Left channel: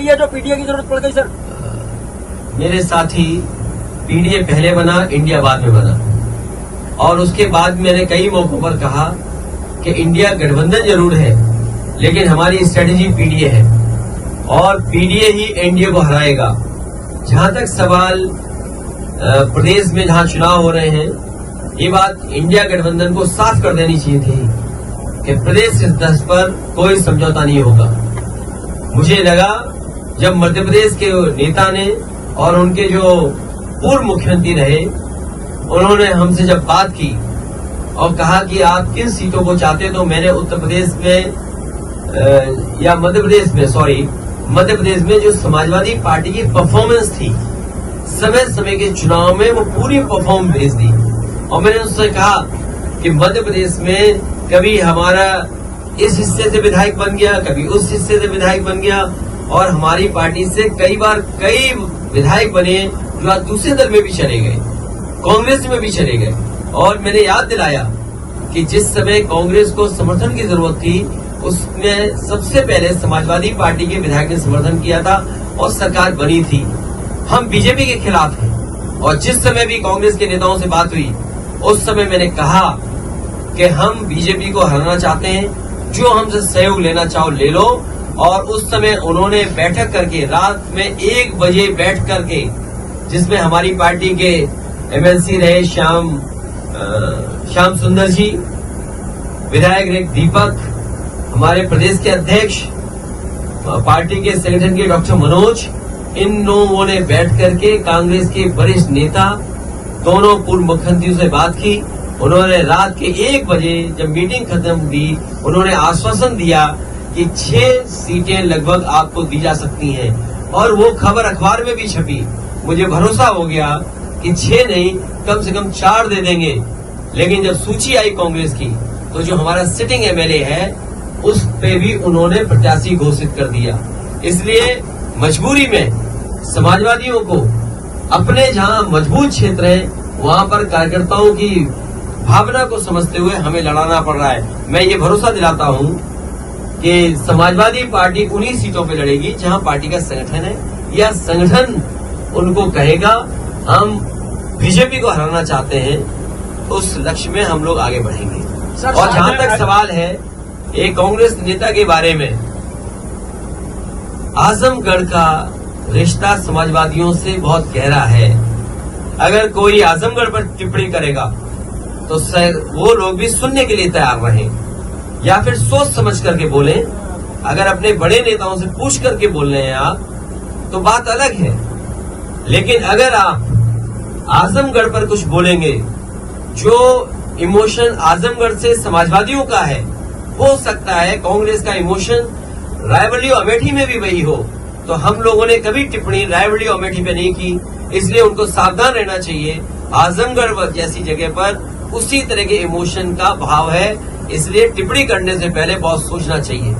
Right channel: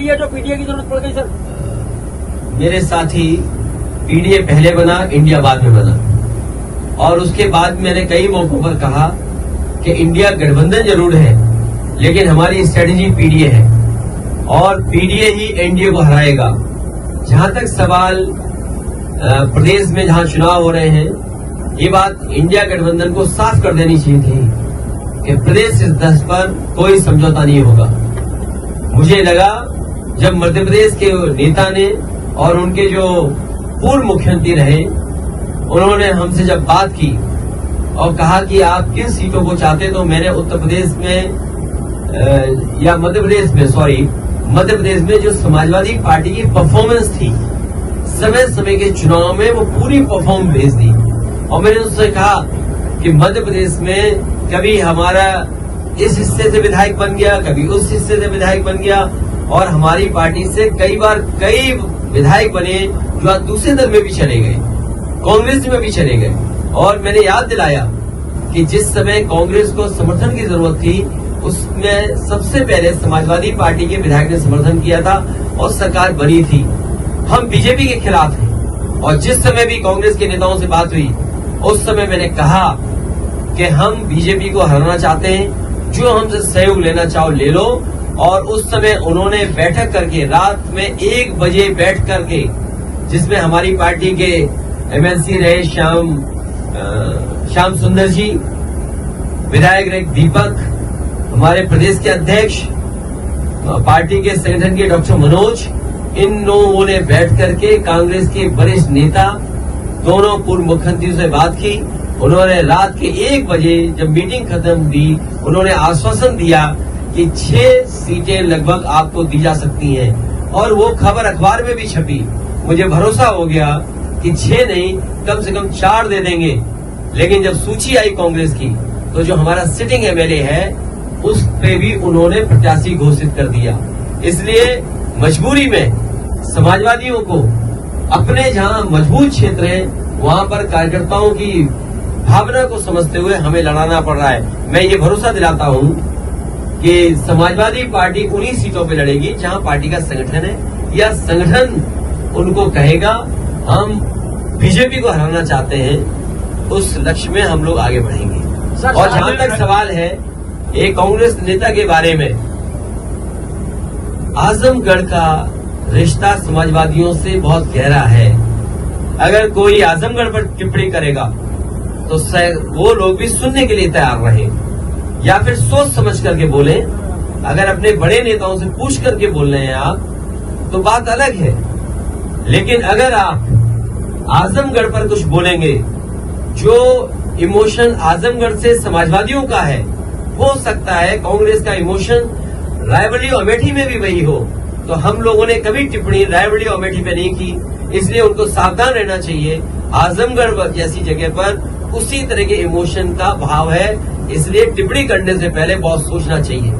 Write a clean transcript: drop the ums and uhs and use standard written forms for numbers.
लिए जो पीडीए की जरूरत पड़ गई सर? मेरे साथी, पीडीए पहले बना, इंडिया बाद में बना, और उसके बाद मैंने कई मौकों पर कहा कि इंडिया गठबंधन जरूर है, लेकिन हमारी स्ट्रेटेजी पीडीए है और पीडीए ही एनडीए को हराएगा। जहां तक सवाल प्रदेश में जहां चुनाव हो रहे हैं, ये बात इंडिया गठबंधन को साफ कर देनी चाहिए थी कि प्रदेश इस पर कोई समझौता नहीं होगा। मुझे लगा जब मध्य प्रदेश के नेता ने और उनके जो पूर्व मुख्यमंत्री रहे, उन्होंने हमसे जब बात की और कहा कि आप किन सीटों को चाहते, तो मैंने उत्तर प्रदेश में या मध्य प्रदेश में जो समाजवादी पार्टी की परफॉर्मेंस थी समय के चुनाव में, वो पूरी परफॉर्मेंस भेज दी। और मैंने उससे कहा कि मध्य प्रदेश में कभी हमारा इस हिस्से से विधायक बन गया, कभी उस हिस्से से विधायक बन गया, और हमारी पार्टी से कई बार कई विधायक बने जो आज दूसरे दल में भी चले गए, कांग्रेस में भी चले गए। और मैंने याद दिलाया कि जिस समय कांग्रेस को समर्थन की जरूरत थी, उसमें सबसे पहले समाजवादी पार्टी के विधायक ने समर्थन किया था और सरकार बनी थी। हम बीजेपी के खिलाफ हैं, और जिस समय भी कांग्रेस के नेताओं से बात हुई, उस समय मैंने कहा कि हम बीजेपी को हराना चाहते हैं, जो हमसे सहयोग लेना चाहो ले लो। और उस समय उन्होंने बैठक करके, रात में 1 बजे बैठ करके, जिसमें हमारी पार्टी के एमएलसी रहे श्याम सुंदर जी, विधायक रहे दीपक, हमारे प्रदेश के अध्यक्ष, पार्टी के संगठन के डॉक्टर मनोज, इन लोगों ने बैठ करके कांग्रेस के वरिष्ठ नेता, दोनों पूर्व मुख्यमंत्रियों से बात की। उन्होंने रात के 1 बजे जब मीटिंग खत्म हुई, उन्होंने आश्वासन दिया कि 6 सीटें लगभग आपको दी जा सकती हैं, और वो खबर अखबार में भी छपी। मुझे भरोसा हो गया कि 6 नहीं, कम से कम 4 दे देंगे। लेकिन जब सूची आई कांग्रेस की, तो जो हमारा सिटिंग एमएलए है, उस पे भी उन्होंने प्रत्याशी घोषित कर दिया। इसलिए मजबूरी में समाजवादियों को अपने जहां मजबूत क्षेत्र है, वहां पर कार्यकर्ताओं की भावना को समझते हुए हमें लड़ाना पड़ रहा है। मैं ये भरोसा दिलाता हूं कि समाजवादी पार्टी उन्हीं सीटों पे लड़ेगी जहां पार्टी का संगठन है, या संगठन उनको कहेगा हम बीजेपी को हराना चाहते हैं, उस लक्ष्य में हम लोग आगे बढ़ेंगे। और जहां तक सवाल है एक कांग्रेस नेता के बारे में, आजमगढ़ का रिश्ता समाजवादियों से बहुत गहरा है। अगर कोई आजमगढ़ पर टिप्पणी करेगा तो वो लोग भी सुनने के लिए तैयार रहे, या फिर सोच समझ करके बोले। अगर अपने बड़े नेताओं से पूछ करके बोल रहे हैं आप, तो बात अलग है। लेकिन अगर आप आजमगढ़ पर कुछ बोलेंगे, जो इमोशन आजमगढ़ से समाजवादियों का है, हो सकता है कांग्रेस का इमोशन रायबरेली अमेठी में भी वही हो। तो हम लोगों ने कभी टिप्पणी रायबरेली अमेठी पे नहीं की, इसलिए उनको सावधान रहना चाहिए। आजमगढ़ जैसी जगह पर उसी तरह के इमोशन का भाव है, इसलिए टिप्पणी करने से पहले बहुत सोचना चाहिए।